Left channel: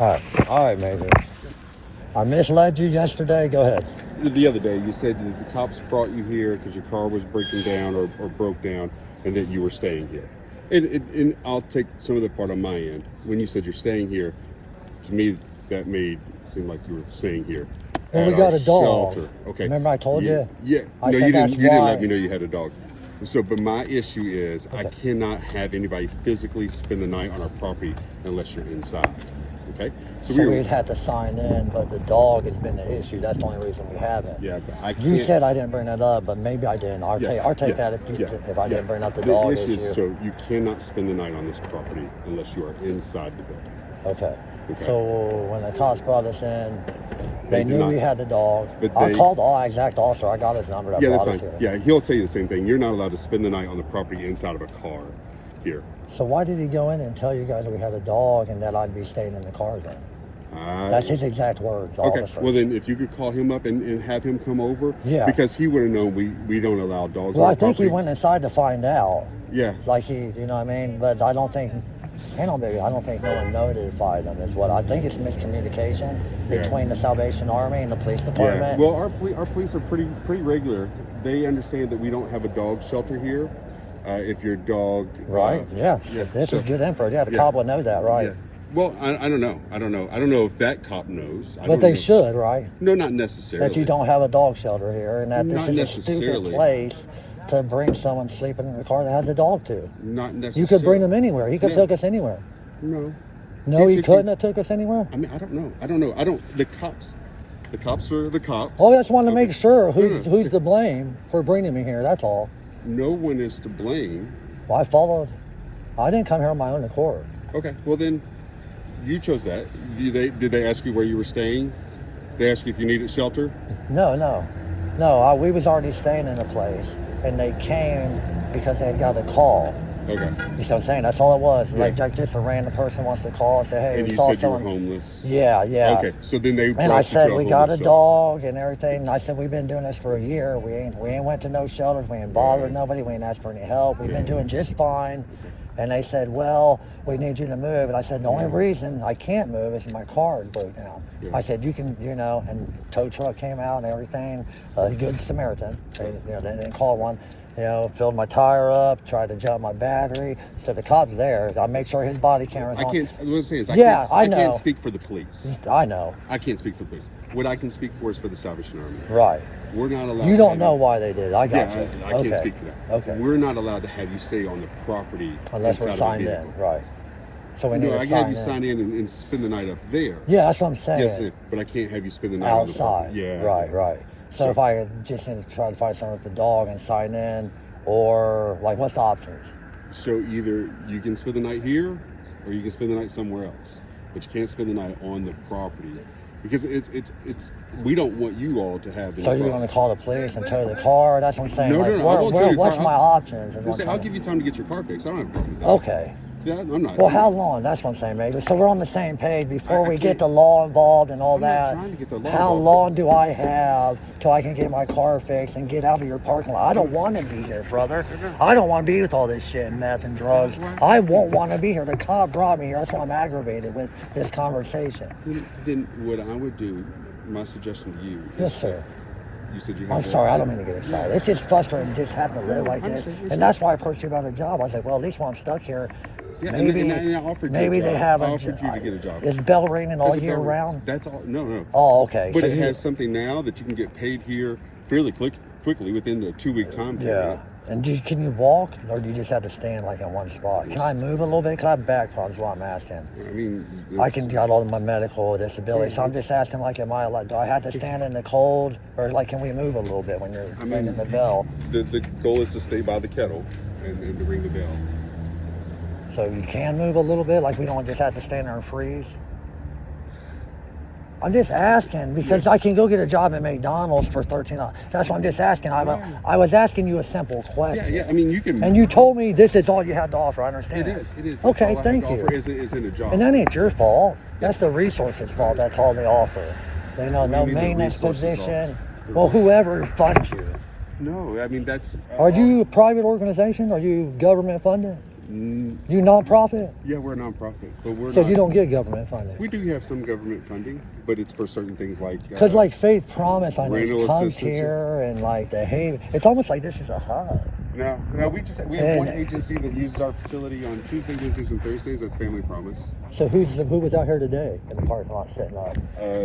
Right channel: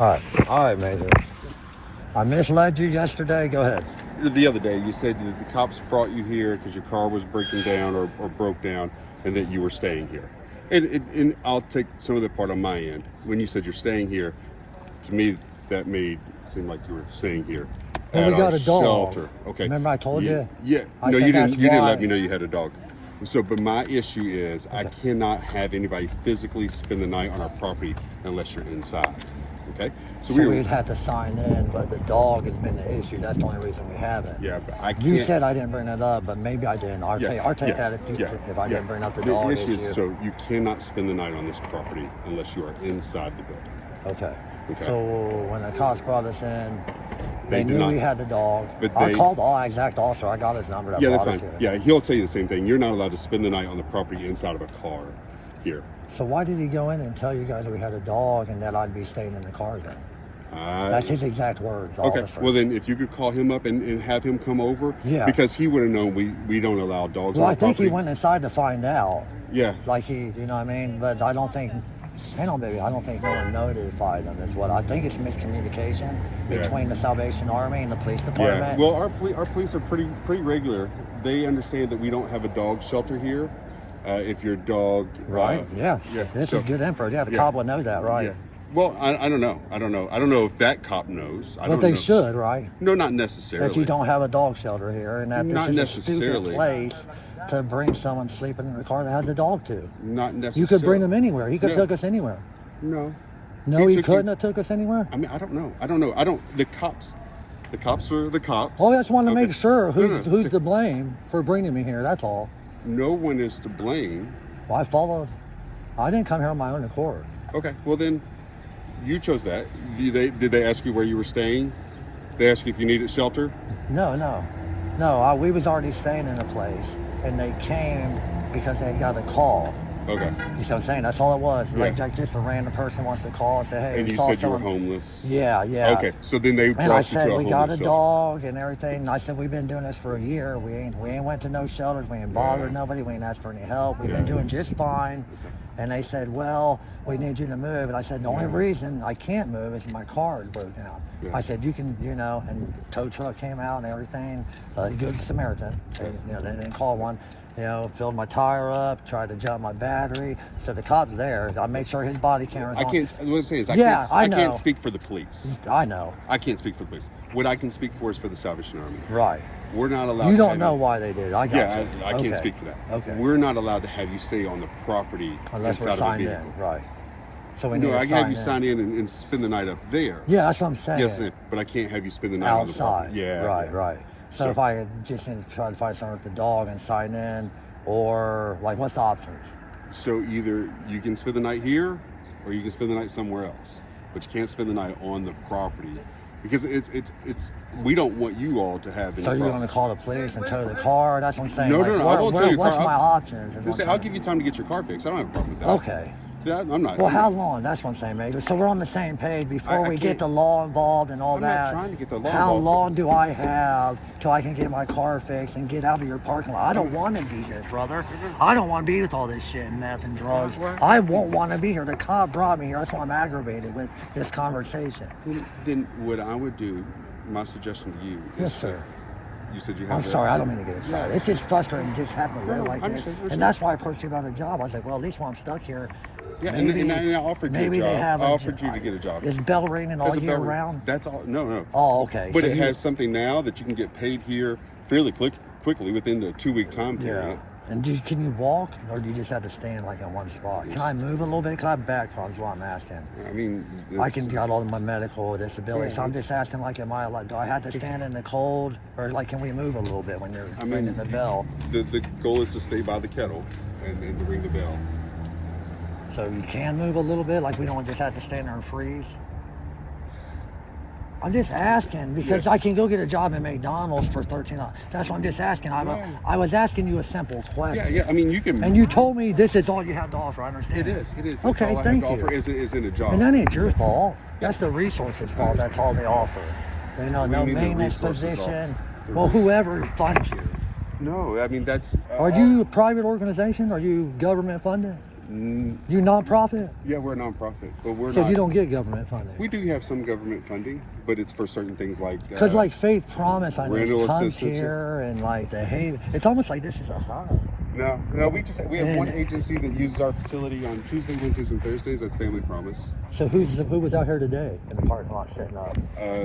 All right, Major. I misled you yesterday. Go ahead. The other day, you said that the cops brought you here because your car was breaking down or broke down, and that you were staying here. And I'll take some of the part on my end. When you said you're staying here, to me, that made it seem like you were staying here. Well, we got a dog. Shelter. Okay. Remember I told you? Yeah. No, you didn't. You didn't let me know you had a dog. So, but my issue is I cannot have anybody physically spend the night on our property unless you're inside. Okay. So we'd have to sign in, but the dog has been the issue. That's the only reason we haven't. Yeah, but I can't. You said I didn't bring it up, but maybe I didn't. I'll take that if I didn't bring up the dog issue. So you cannot spend the night on this property unless you are inside the building. Okay. So when the cops brought us in, they knew we had the dog. I called the exact officer. I got his number. Yeah, that's fine. Yeah, he'll tell you the same thing. You're not allowed to spend the night on the property inside of a car here. So why did he go in and tell you guys that we had a dog and that I'd be staying in the car then? That's his exact words. Okay. Officer. Well, then if you could call him up and have him come over. Yeah. Because he would have known we don't allow dogs. Well, I think he went inside to find out. Yeah. Like you know what I mean? But I don't think... I don't think no one notified them is what I think. It's miscommunication between the Salvation Army and the police department. Yeah. Well, our police are pretty regular. They understand that we don't have a dog shelter here. If your dog, this is good info. Yeah, the cop would know that, right? Yeah. Well, I don't know. I don't know if that cop knows. But they should, right? No, not necessarily. That you don't have a dog shelter here, and that this is a stupid place to bring someone sleeping in the car that has a dog too. Not necessarily. You could bring them anywhere. He could took us anywhere. No. No, he couldn't have took us anywhere? I mean, I don't know. The cops are the cops. Oh, I just wanted to make sure who's to blame for bringing me here. That's all. No one is to blame. Well, I followed. I didn't come here on my own accord. Okay, well then, you chose that. Did they ask you where you were staying? They asked you if you needed shelter? No. We was already staying in a place, and they came because they got a call. Okay. You know what I'm saying? That's all it was. Like just a random person wants to call and say, hey, and we you saw said someone. You were homeless? Yeah. Okay, so then they... And I said, we got a dog and everything. And I said, we've been doing this for a year. We ain't went to no shelters. We ain't bothered nobody. We ain't asked for any help. We've been doing just fine. And they said, well, we need you to move. And I said, the only reason I can't move is my car is broke down. Yeah. I said, you can, and tow truck came out and everything. Good Samaritan. They didn't call one. Filled my tire up, tried to jump my battery. So the cop's there. I made sure his body camera's on. What I'm saying is, I can't speak for the police. I know. I can't speak for the police. What I can speak for is for the Salvation Army. Right. We're not allowed. You don't know why they did. I got you. I can't speak for that. Okay. We're not allowed to have you stay on the property unless we're signed in. Right. So we need I can have you sign in and spend the night up there. Yeah, that's what I'm saying. Yes, but I can't have you spend the night outside. Yeah. Right. So if I could just try to find someone with the dog and sign in, or what's the options? So either you can spend the night here, or you can spend the night somewhere else, but you can't spend the night on the property because it's we don't want you all to have. So you're going to call the police and tow the car? That's what I'm saying. No. What's my options? I'll give you time to get your car fixed. I don't have a problem with that. Okay. Yeah, I'm not. Well, how long? That's what I'm saying, Major. So we're on the same page before we get the law involved and all that. I'm not trying to get the law How long do I have till I can get my car fixed and get out of your parking lot? I don't want to be here, brother. I don't want to be with all this shit and meth and drugs. I won't want to be here. The cop brought me here. That's why I'm aggravated with this conversation. Then what I would do, my suggestion to you. Yes, sir. You said you have. I'm sorry, I don't mean to get excited. It's just frustrating just having to live like this. And that's why I approached you about a job. I said, well, at least while I'm stuck here, yeah, and I offered you a job. They have I offered you to get a job. Is bell ringing all year round? That's all. No. Oh, okay. But it has something now that you can get paid here fairly quickly within the 2-week time period. Yeah. And can you walk, or do you just have to stand in one spot? Can I move a little bit? Because I have back problems. What I'm asking. I mean, I can got all my medical disabilities. So I'm just asking, do I have to stand in the cold, or can we move a little bit when you're ringing the bell? The goal is to stay by the kettle and to ring the bell. So you can move a little bit, we don't just have to stand there and freeze. I'm just asking because I can go get a job at McDonald's for $13. That's what I'm just asking. I was asking you a simple question. Yeah. I mean, you can. And you told me this is all you have to offer. I understand. It is. Okay, thank you. Is in a job. And that ain't your fault. That's the resources' fault. That's all they offer. They know no maintenance position. Well, whoever funds you. No, I mean that's. Are you a private organization? Are you government funded? You nonprofit? Yeah, we're a nonprofit, but we're So not. you don't get government funding? We do have some government funding, but it's for certain things like. Because like Faith Promise, I know rental comes assistance. here and like the Haven. It's almost like this is a hub. No, we have one agency that uses our facility on Tuesdays, Wednesdays, and Thursdays. That's Family Promise. So who was out here today in the parking lot setting up?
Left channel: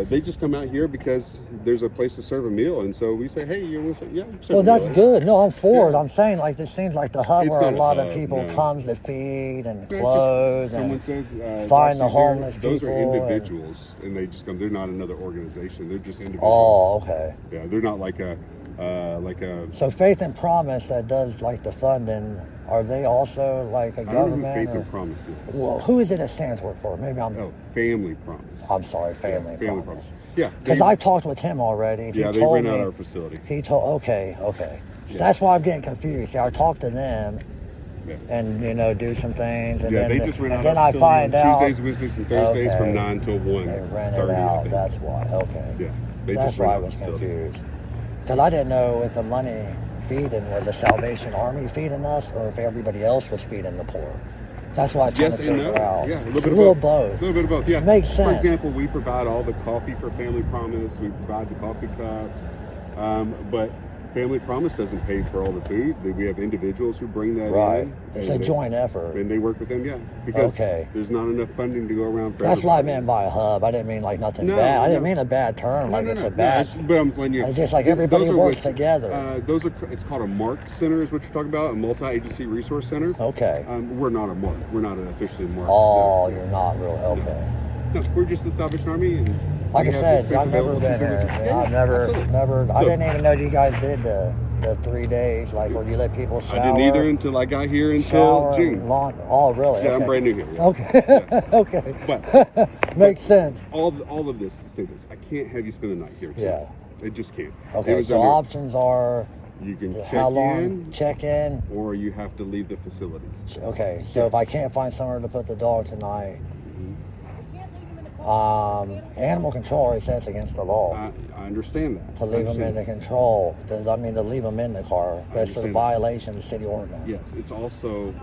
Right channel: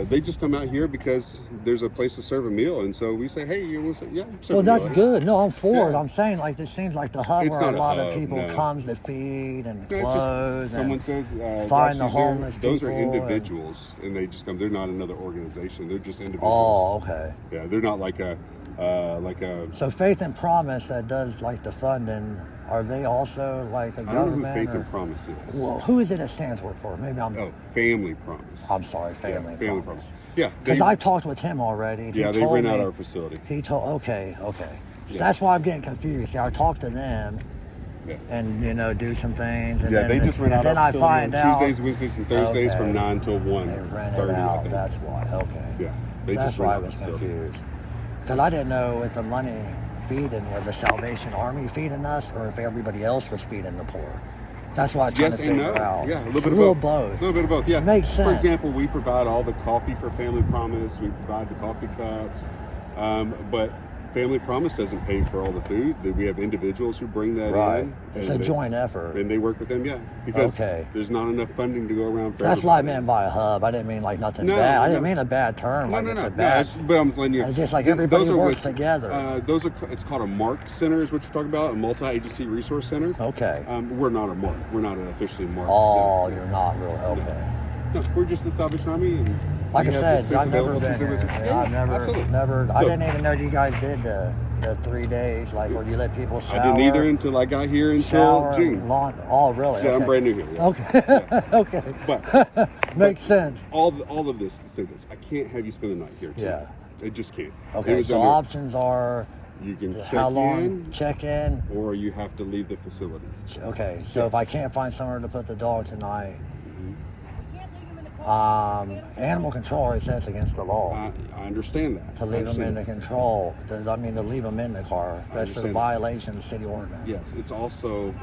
They just come out here because there's a place to serve a meal, and so we say, hey, you want to say, yeah. Well, that's good. No, I'm for it. Yeah. I'm saying like this seems like the hub It's where a not a lot of hub, people no. comes to feed and No, it's just- clothes someone and says, find the actually, homeless those people. are individuals, and they just come. They're not another organization. They're just individuals. Oh, okay. Yeah, they're not like a. So Faith and Promise that does like the funding, are they also like a I don't government? know who Faith or- and Promise is. Well, who is it that stands for? Maybe I'm. Oh, Family Promise. I'm sorry, Family Promise. Promise. Yeah, Because I talked with him already. yeah, they told rent out me- our facility. He told. Okay. So Yeah. that's why I'm getting confused. See, I talked to them Yeah. and do some things, and Yeah, then they just rent out then our I facility find on out Tuesdays, Wednesdays, and Thursdays Okay. from 9 till 1. they rent it out. That's why. Okay. Yeah, they That's just why I rent out was the facility. confused. Because I didn't know if the money feeding was the Salvation Army feeding us or if everybody else was feeding the poor. That's what I'm trying Yes to and figure no. out. Yeah, It's a little both. A little bit of both, yeah. Makes sense. For example, we provide all the coffee for Family Promise. We provide the coffee cups. But Family Promise doesn't pay for all the food. We have individuals who bring that Right. in. It's and a joint effort. And they work with them, yeah. Because Okay. there's not enough funding to go around for That's what I everybody. meant by a hub. I didn't mean like nothing No, bad. I didn't no. mean a bad term. Like it's a No, bad. but I'm letting you. It's just like those everybody are works what- together. It's called a MARC center, is what you're talking about, a multi-agency resource center. Okay. We're not a MARC. We're not an officially MARC Oh, center. you're not real. Okay. No, we're just the Salvation Army. And Like I we have said, this space I've never available been to here. service- I've never. I didn't even know you guys did the 3 days, like where you let people shower. I didn't either until I got here until Shower, June. lawn. Oh, really? Yeah, Okay. I'm brand new here. Yeah. Okay. Okay. Makes sense. All of this to say this, I can't have you spend the night here. Too. Yeah. I just can't. It Okay. was So under- options are you can check how long in, check in. or you have to leave the facility. Okay. So if I can't find somewhere to put the dog tonight, animal control already says against the law. I understand that. To leave I them in understand the control. To leave them in the car. That's a understand that. violation of city ordinance. Yes, it's also.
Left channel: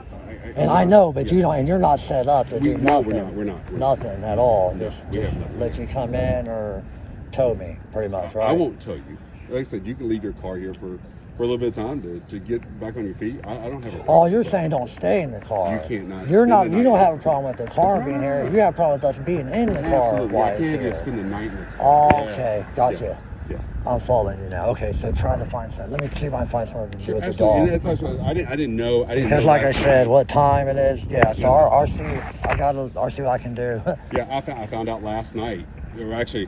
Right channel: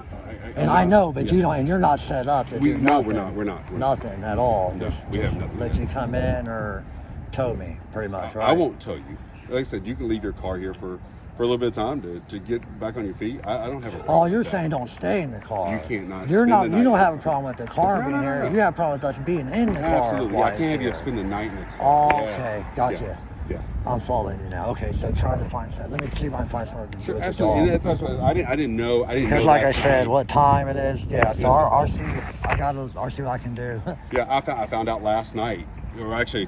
And I know, but you don't, and you're not set up to do No, nothing. we're not. Nothing at all. No, Just, we just have nothing. let you come in or tow me, pretty much, right? I won't tell you. Like I said, you can leave your car here for a little bit of time to get back on your feet. I don't have a problem. Oh, you're saying don't stay in the car. You can't not You're spend not. the You don't night. have a problem with the car No, being no, here. no. You have a problem with us being in the car. Absolutely. while I it's can't have you here. spend the night in the Oh, car. okay. Gotcha. Yeah. I'm following you now. Okay, so try to find something. Let me see if I can find something to do with the Absolutely. dog. That's what I didn't know. Because like I said, what time it is. Yeah, so I'll see. I'll see what I can do. Yeah, I found out last night, or actually,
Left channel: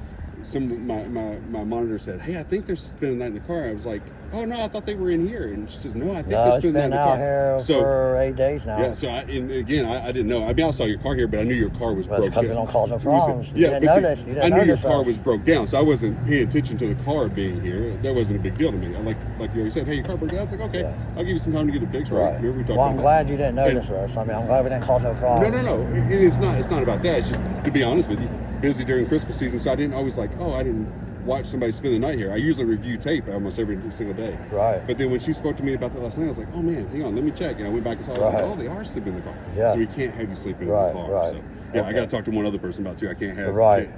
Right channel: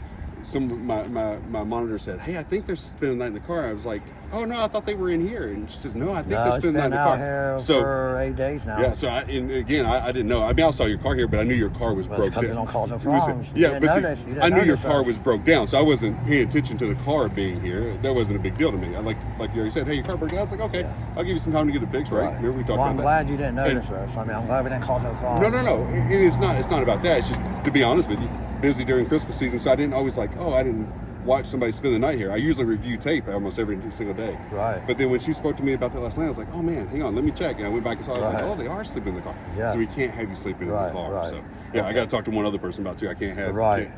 my monitor said, "Hey, I think they're spending the night in the car." I was like, "Oh no, I thought they were in here." And she says, "No, I think No, they're it's spending the been night in the out car." here for 8 days now. Yeah, so I didn't know. I mean, I saw your car here, but I knew your car was Well, broke because we down. don't cause no You said- problems. You Yeah, didn't but see, notice. You didn't I knew your notice car us. was broke down, so I wasn't paying attention to the car being here. That wasn't a big deal to me. Like you already said, "Hey, your car broke down." I was like, "Okay, Yeah. I'll give you some time to get it fixed." Right? Remember we talked Well, I'm about glad you didn't notice us. I mean, I'm glad we didn't cause no that? problems. No. It's not about that. It's just, to be honest with you, busy during Christmas season, so I didn't always I didn't watch somebody spend the night here. I usually review tape almost every single day. Right. But then when she spoke to me about that last night, I was like, "Oh man, hang on, let me check." And I went back and saw. I was like, Right. "Oh, they are sleeping in the car." Yeah. So we can't have you sleeping Right, in the car. right. So yeah, I Okay. got to talk to one other person about it too. I can't have. Right.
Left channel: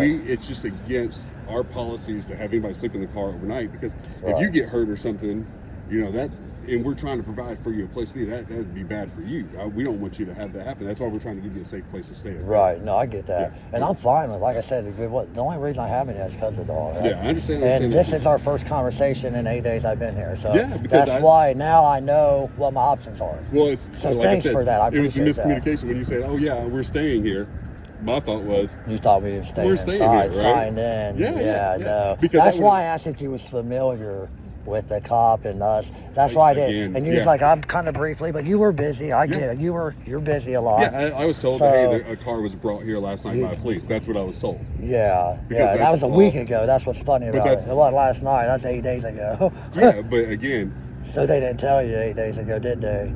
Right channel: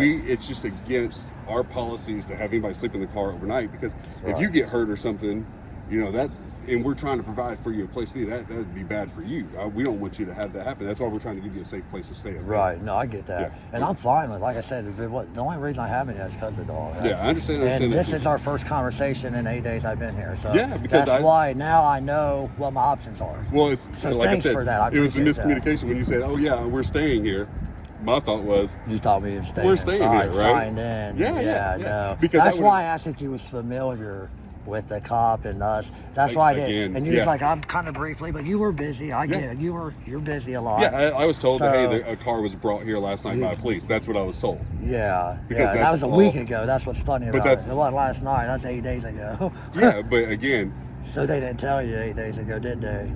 It's just against our policies to have anybody sleep in the car overnight, because if Right. you get hurt or something, and we're trying to provide for you a place to be, that would be bad for you. We don't want you to have that happen. That's why we're trying to give you a safe place to stay. Right. No, I get that. Yeah. And I'm fine with, like I said, the only reason I haven't yet is because of the dog. Yeah, I understand. And this is our first conversation in 8 days I've been here. So Yeah, because that's why now I know what my options are. Well, it's So like thanks I said, for that. I it was the appreciate that. miscommunication when you said, "Oh yeah, we're staying here." My thought was, You thought we were staying We're staying inside, here, right? signed in. Yeah. No. Because That's I why I asked if you was familiar with the cop and us. That's why I did. Again, And you was yeah. like, I'm kind of briefly, but you were busy. I get Yeah. it. You're busy a lot. yeah, I was told So- that a car was brought here last night by police. That's what I was told. Yeah. Because That that's was a all- week ago. That's what's funny about that's- it. It wasn't last night. That's 8 days ago. Yeah, but again, So they didn't tell you 8 days ago, did they?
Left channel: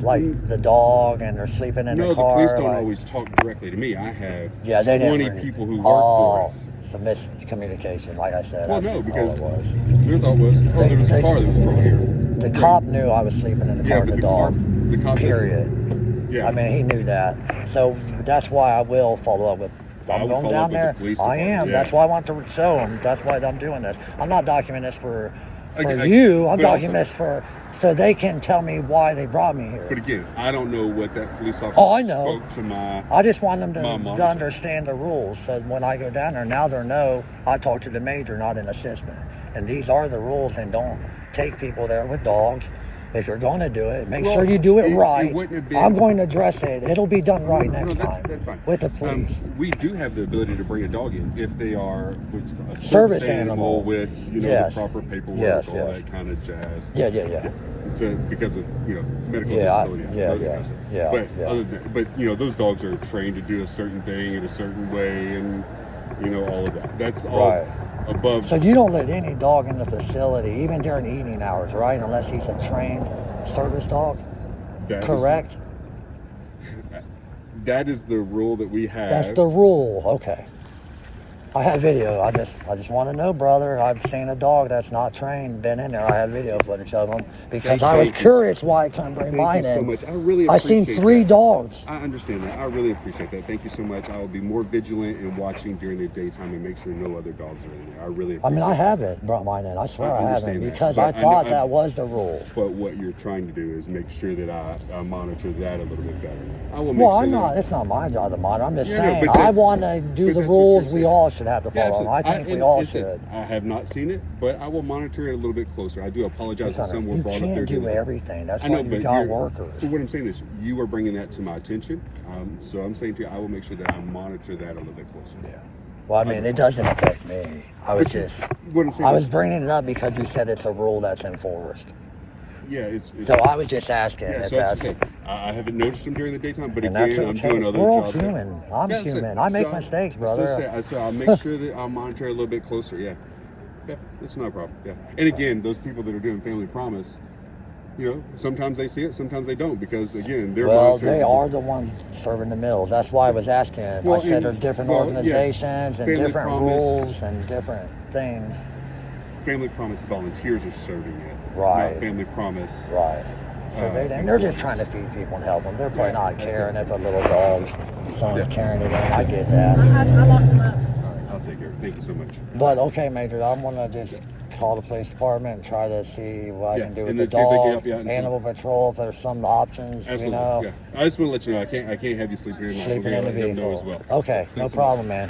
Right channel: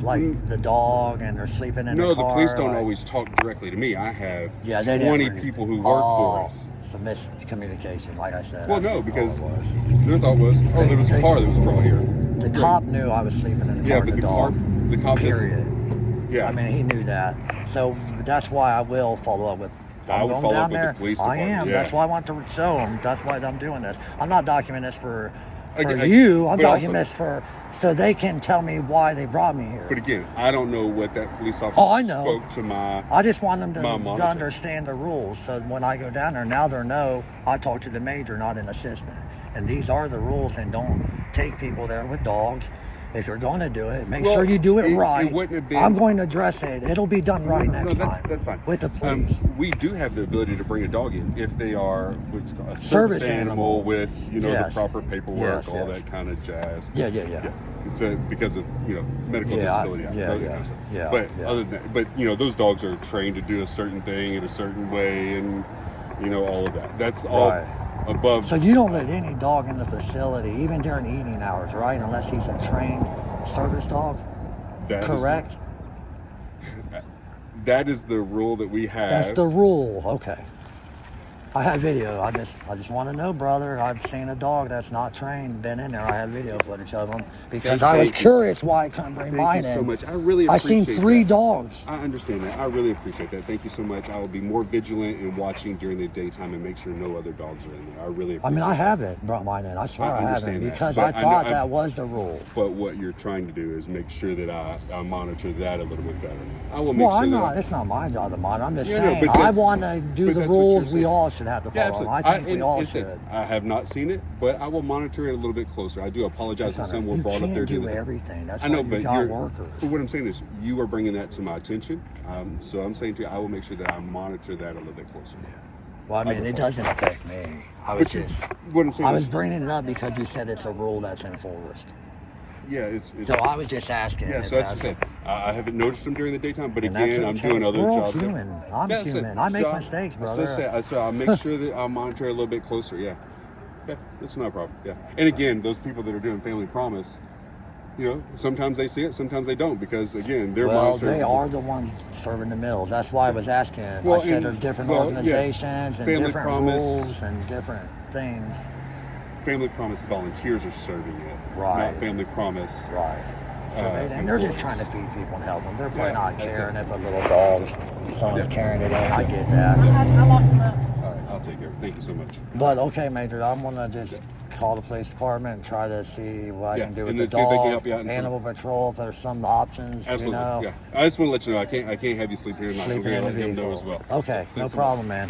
Like the dog and they're sleeping in no, the the car. police don't like- always talk directly to me. I have Yeah, they 20 didn't. people who work for us. It's a miscommunication, like I said. Well, That's no, all because it was. their thought was, there was a car that was brought here. The cop knew I was sleeping in the car Yeah, with but the the car, dog. The cop Period. Yeah. I mean, he knew that. So that's why I will follow up with. I'm going down there. I am. Yeah. That's why I want to show them. That's why I'm doing this. I'm not documenting this for Again, you. I'm but documenting also- this for so they can tell me why they brought me here. But again, I don't know what that police officer Oh, I know. spoke to my. I just want them my to monitor. understand the rules. So when I go down there, now they know I talk to the major, not an assistant. And these are the rules. And don't take people there with dogs. If you're going to do it, make sure you do it right. It wouldn't have been, I'm going to address it. It'll be done right next that's, time. That's fine. With the police. We do have the ability to bring a dog in if they are what's called a Service animal. with Yes. the proper paperwork, Yes, all that kind of jazz. Yeah. It's because of medical disability. Yeah. But other than those dogs are trained to do a certain thing in a certain way, and all of that. That's all above. So you don't let any dog in the facility, even during evening hours, right? Unless he's a trained service dog. Correct? That is the rule that we have. That's the rule. Okay. I have video. I just want to know, brother. I've seen a dog that's not trained been in there. I have video footage of them because I was curious why I couldn't bring mine in. Thank you so much. I really I've appreciate seen 3 that. dogs. I understand that. I really appreciate that. Thank you so much. I will be more vigilant in watching during the daytime and make sure no other dogs are in there. I really appreciate I haven't brought mine in. I swear I haven't understand that. because But I thought that was the rule. But what you're trying to do is make sure that I monitor that a little bit better. I will make Well, sure I'm that not. It's not my job to monitor. I'm just Yeah, no, saying. but I that's- want to do but the that's what rules. you're We saying. all should have to Yeah, follow them. I absolutely. think we all listen, should. I have not seen it, but I will monitor it a little bit closer. I do apologize that some were You brought up there. can't do the other day. everything. That's I why know, you but got you're- workers. So what I'm saying is, you are bringing that to my attention. So I'm saying to you, I will make sure that I monitor that a little bit closer. Yeah. Well, I mean, it doesn't affect me. I was just. What I'm saying I was is, bringing it up because you said it's a rule that's enforced. yeah, it's So I was just asking. yeah, if so that's that's, the thing. I haven't noticed them during the daytime, but and again, that's I'm okay. doing other We're all jobs. human. I'm Yeah, so- human. I make so mistakes, brother. So I'll make sure that I'll monitor it a little bit closer. Yeah, it's not a problem. Yeah, and again, those people that are doing Family Promise, sometimes they see it, sometimes they don't, because again, they're Well, monitoring. they are the ones serving the meals. That's why I was asking. Well, I said and- there's different well, organizations yes. and Family different Promise. rules and different things. Family Promise volunteers are serving it, Right. Not Family Promise. Right. So and they're just trying to feed people and help them. They're probably not caring if a little dog, someone's carrying it in. I get that. I locked them up. I'll take care of it. Thank you so much. But okay, Major, I'm gonna just call the police department and try to see what I Yeah, can do and with the then see if they can dog, help you out and animal patrol, if there's some options, Absolutely. Yeah. I just want to let you know I can't have you sleep here in my sleeping in the I'll let him know vehicle. as well. Okay, no Thanks so much. problem, man.